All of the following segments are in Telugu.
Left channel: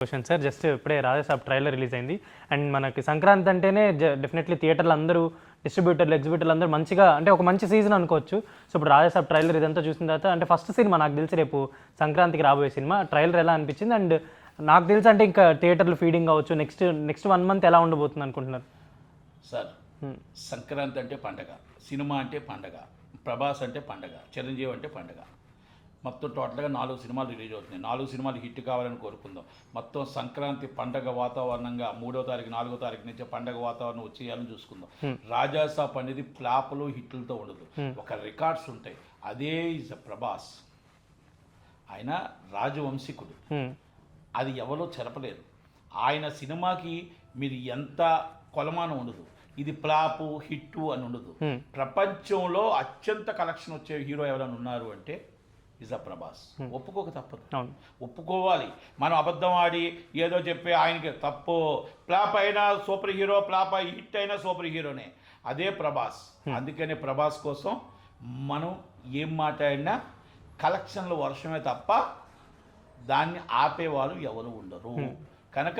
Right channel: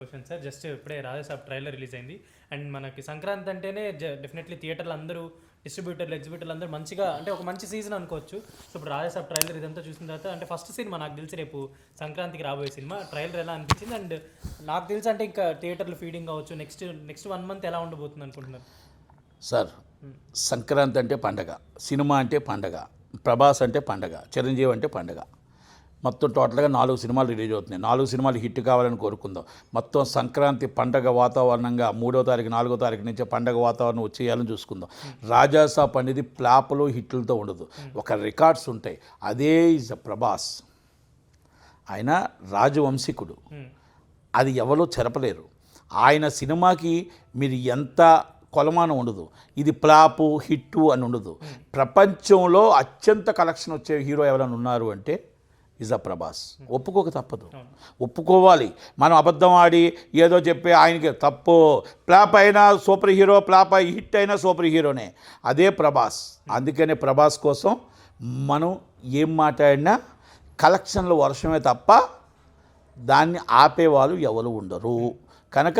క్వశ్చన్ సార్ జస్ట్ ఇప్పుడే రాజాసాబ్ ట్రైలర్ రిలీజ్ అయింది అండ్ మనకి సంక్రాంతి అంటేనే డెఫినెట్లీ థియేటర్లు అందరూ డిస్ట్రిబ్యూటర్లు ఎగ్జిబ్యూటర్లు అందరూ మంచిగా అంటే ఒక మంచి సీజన్ అనుకోవచ్చు. సో ఇప్పుడు రాజాసాబ్ ట్రైలర్ ఇదంతా చూసిన తర్వాత అంటే ఫస్ట్ సినిమా నాకు తెలిసి రేపు సంక్రాంతికి రాబోయే సినిమా ట్రైలర్ ఎలా అనిపించింది అండ్ నాకు తెలిసి అంటే ఇంకా థియేటర్లు ఫీడింగ్ అవ్వచ్చు నెక్స్ట్ 1 month ఎలా ఉండబోతుంది అనుకుంటున్నారు సార్? సంక్రాంతి అంటే పండగ, సినిమా అంటే పండగ, ప్రభాస్ అంటే పండగ, చిరంజీవి అంటే పండగ. మొత్తం టోటల్గా 4 సినిమాలు రిలీజ్ అవుతున్నాయి. 4 సినిమాలు హిట్ కావాలని కోరుకుందాం. మొత్తం సంక్రాంతి పండగ వాతావరణంగా 3వ తారీఖు 4వ తారీఖు నుంచి పండగ వాతావరణం వచ్చేయాలని చూసుకుందాం. రాజాసాబ్ అనేది ప్లాప్లు హిట్లతో ఉండదు, ఒక రికార్డ్స్ ఉంటాయి. అదే ఇస్ ప్రభాస్. ఆయన రాజవంశీకుడు, అది ఎవరో చెరపలేరు. ఆయన సినిమాకి మీరు ఎంత కొలమానం ఉండదు, ఇది ప్లాపు హిట్టు అని ఉండదు. ప్రపంచంలో అత్యంత కలెక్షన్ వచ్చే హీరో ఎవరైనా ఉన్నారు అంటే ఇస్ ప్రభాస్. ఒప్పుకోక తప్పదు, ఒప్పుకోవాలి. మనం అబద్ధం ఆడి ఏదో చెప్పి ఆయనకి తప్పు. ఫ్లాప్ అయినా సూపర్ హీరో, ఫ్లాప్ అయి హిట్ అయినా సూపర్ హీరోనే. అదే ప్రభాస్. అందుకనే ప్రభాస్ కోసం మనం ఏం మాట్లాడినా కలెక్షన్లు వర్షమే తప్ప దాన్ని ఆపేవాళ్ళు ఎవరు ఉండరు. కనుక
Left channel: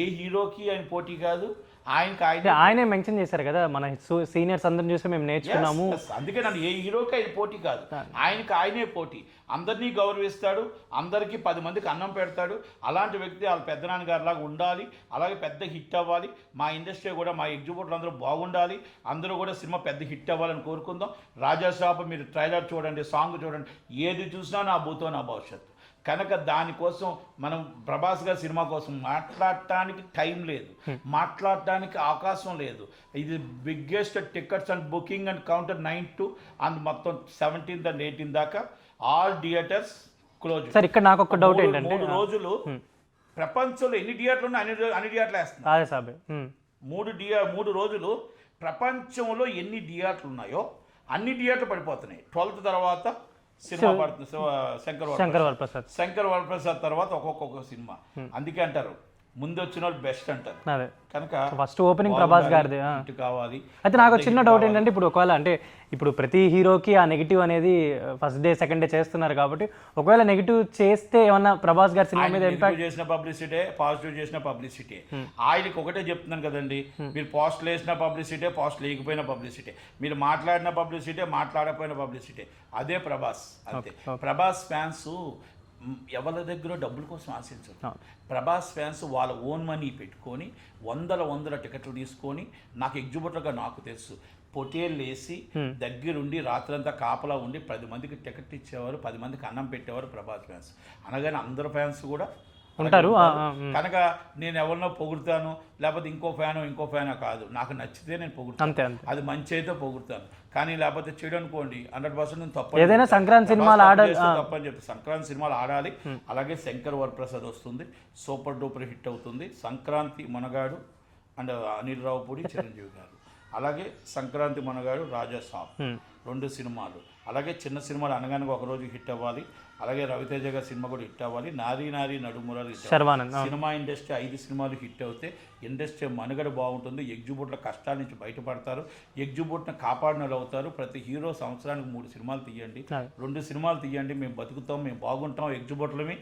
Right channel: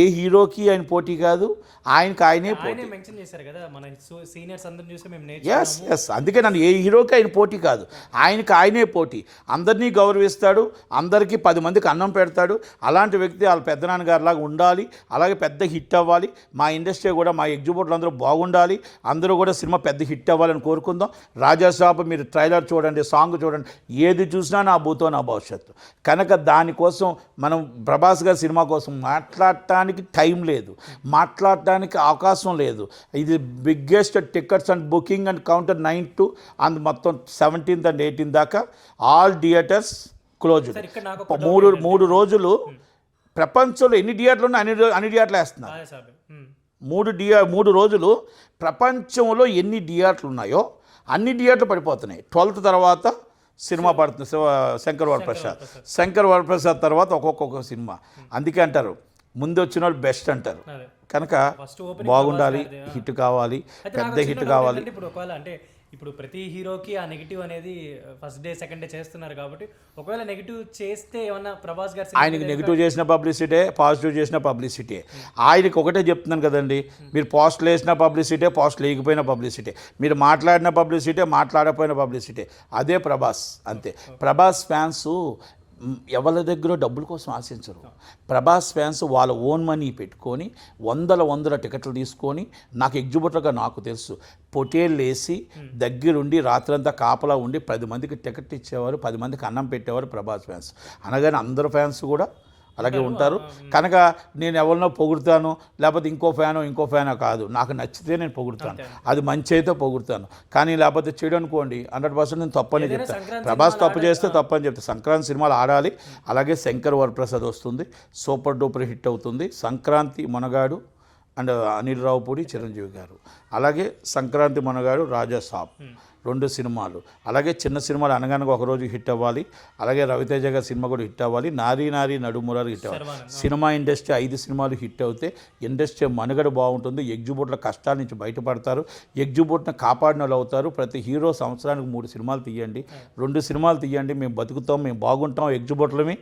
ఏ హీరోకి ఆయన పోటీ కాదు, ఆయనే మెన్షన్ చేశారు కదా మన సీనియర్స్ అందరిని చూసి మేము నేర్చుకున్నాము. అందుకే నన్ను ఏ హీరోకి ఆయన పోటీ కాదు, ఆయనే పోటీ. అందరినీ గౌరవిస్తాడు, అందరికీ 10 మందికి అన్నం పెడతాడు. అలాంటి వ్యక్తి వాళ్ళ పెద్దనాన్నగారిలాగా ఉండాలి, అలాగే పెద్ద హిట్ అవ్వాలి. మా ఇండస్ట్రీ కూడా, మా ఎగ్జిబ్యూటర్లు అందరూ బాగుండాలి, అందరూ కూడా సినిమా పెద్ద హిట్ అవ్వాలని కోరుకుందాం. రాజాసాబ్ మీరు ట్రైలర్ చూడండి, సాంగ్ చూడండి, ఏది చూసినా నా భూతో నా భవిష్యత్తు. కనుక దానికోసం మనం ప్రభాస్ గారి సినిమా కోసం మాట్లాడటానికి టైం లేదు, మాట్లాడటానికి అవకాశం లేదు. ఇది biggest tickets and booking and counter 9 to and మొత్తం 17th and 18th దాకా ఆల్ థియేటర్స్ క్లోజ్. 3 రోజులు ప్రపంచంలో ఎన్ని థియేటర్లు ఉన్నాయి అన్ని థియేటర్లు వేస్తున్నారు. 3 రోజులు ప్రపంచంలో ఎన్ని థియేటర్లు ఉన్నాయో అన్ని థియేటర్లు పడిపోతున్నాయి. 12th తర్వాత సినిమా పడుతుంది, శంకర్ వరప్రసాద్ తర్వాత ఒక్కొక్క సినిమా. అందుకే అంటారు ముందు వచ్చిన వాళ్ళు బెస్ట్ అంటారు. కనుక ఫస్ట్ ఓపెనింగ్ హిట్ కావాలి. అయితే నాకు చిన్న డౌట్ ఏంటంటే ఇప్పుడు ఒకవేళ అంటే ఇప్పుడు ప్రతి హీరోకి ఆ నెగిటివ్ అనేది ఫస్ట్ డే సెకండ్ డే చేస్తున్నారు కాబట్టి ఒకవేళ నెగిటివ్ చేస్తే ఏమన్నా ప్రభాస్ గారి ఆయన నెగిటివ్ చేసిన పబ్లిసిటీ, పాజిటివ్ చేసిన పబ్లిసిటీ. ఆయనకి ఒకటే చెప్తున్నాను కదండి, మీరు పోస్టులు వేసిన పబ్లిసిటీ, పోస్టులు వేయకపోయిన పబ్లిసిటీ, మీరు మాట్లాడిన పబ్లిసిటీ, మాట్లాడకపోయిన పబ్లిసిటీ. అదే ప్రభాస్. అంతే. ప్రభాస్ ఫ్యాన్స్ ఎవరి దగ్గర డబ్బుల కోసం ఆశించరు. ప్రభాస్ ఫ్యాన్స్ వాళ్ళ ఓన్ మనీ పెట్టుకొని వందల టికెట్లు తీసుకొని, నాకు ఎగ్జిబ్యూటర్గా నాకు తెలుసు, పొటేళ్ళు వేసి దగ్గరుండి రాత్రంతా కాపలా ఉండి 10 మందికి టికెట్ ఇచ్చేవారు, 10 మందికి అన్నం పెట్టేవారు ప్రభాస్ ఫ్యాన్స్. అనగానే అందరు ఫ్యాన్స్ కూడా అలాగే ఉంటారు. కనుక నేను ఎవరినో పొగుడుతాను, లేకపోతే ఇంకో ఫ్యానో కాదు. నాకు నచ్చితే నేను పొగుడుతాను, అది మంచి అయితే పొగుడుతాను. కానీ లేకపోతే చెడు అనుకోండి 100% నేను తప్పని, ప్రభాస్ తప్పు చేస్తే తప్పని చెప్తాను. సంక్రాంతి సినిమాలు ఆడాలి. అలాగే శంకర్ వరప్రసాద్ వస్తుంది, సూపర్ డూపర్ హిట్ అవుతుంది. సంక్రాంతి మనగాడు అండ్ అనిల్ రావుపూడి, చిరంజీవి గారు. అలాగే సంక్రాంతి మనగాడు, రాజాసాబ్ 2 సినిమాలు. అలాగే చిన్న సినిమాలు అనగానగా ఒకరోజు హిట్ అవ్వాలి. అలాగే రవితేజ గారి సినిమా కూడా హిట్ అవ్వాలి. నారీ నడుమురాలు హిట్ అవ్వాలి. సినిమా ఇండస్ట్రీ 5 సినిమాలు హిట్ అవుతే ఇండస్ట్రీ మనుగడ బాగుంటుంది. ఎగ్జిబ్యూటర్ల కష్టాల నుంచి బయటపడతారు, ఎగ్జిబ్యూటర్ని కాపాడిన వాళ్ళు అవుతారు. ప్రతి హీరో సంవత్సరానికి 3 సినిమాలు తీయండి, 2 సినిమాలు తీయండి. మేము బతుకుతాం, మేము బాగుంటాం ఎగ్జిబ్యూటర్లమి.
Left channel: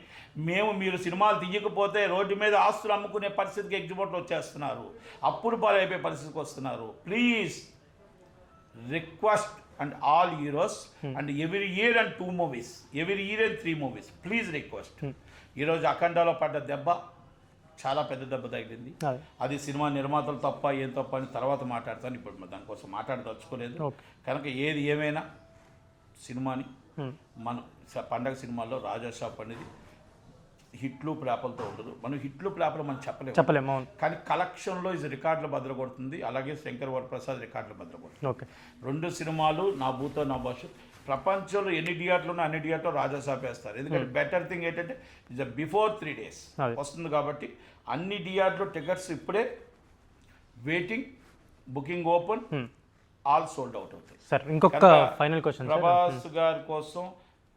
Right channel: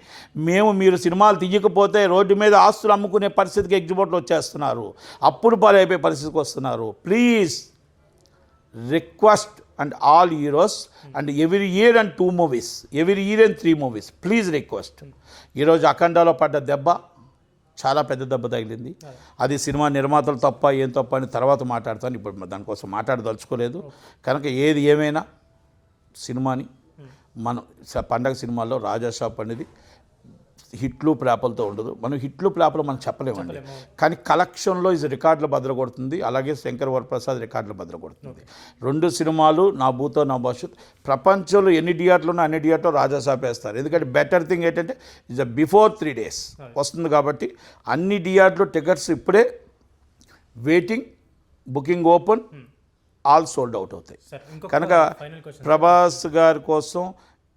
మీరు సినిమాలు తీయకపోతే రోడ్డు మీద ఆస్తులు అమ్ముకునే పరిస్థితికి ఎగ్జిబ్యూటర్లు వచ్చేస్తున్నారు, అప్పుడు పాలైపోయే పరిస్థితికి వస్తున్నారు. Please request and all heroes and every year and 2 movies, every year and 3 movies, please request. ఈరోజు అఖండాలో పడ్డ దెబ్బ చాలా పెద్ద దెబ్బ తగిలింది. అది సినిమా నిర్మాతలు తప్ప ఏం తప్ప అని తర్వాత మాట్లాడతాను, ఇప్పుడు దానికోసం మాట్లాడదలుచుకోలేదు. కనుక ఏది ఏమైనా సినిమాని మనం పండగ సినిమాల్లో రాజాసాబ్ అనేది హిట్లు ప్లాపులతో ఉండదు. మనం హిట్లు ప్లాపులు మనం చెప్పలేము, కానీ కలెక్షన్లో ఇది రికార్డులు బద్దలగొడుతుంది. అలాగే శంకర్ వరప్రసాద్ రికార్డులు బద్దలగొడుతుంది. 2 సినిమాలు నా భూతో నా భవిష్యత్. ప్రపంచంలో ఎన్ని థియేటర్లు ఉన్నా అన్ని థియేటర్లు రాజాసాబ్ వేస్తారు. ఎందుకంటే బెటర్ థింగ్ ఏంటంటే ఇట్స్ బిఫోర్ 3 days వస్తుంది కాబట్టి అన్ని థియేటర్లు టికెట్స్ ఇప్పుడే waiting, booking open, all sold out అవుతాయి. కనుక ప్రభాస్ గారి కోసం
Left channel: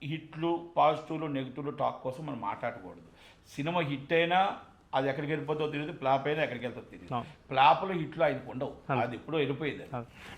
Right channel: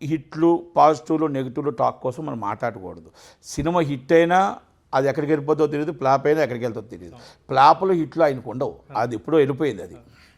హిట్లు, పాజిటివ్లు, నెగిటివ్లు టాక్ కోసం మనం మాట్లాడకూడదు. సినిమా హిట్ అయినా అది ఎక్కడికి వెళ్ళిపోతుందో తెలియదు, ఫ్లాప్ అయినా ఎక్కడికి వెళ్తుందో తెలియదు. ఫ్లాప్లు హిట్లు ఆయనకు ఉండవు, అది ఎప్పుడో వెళ్ళిపోయింది. అది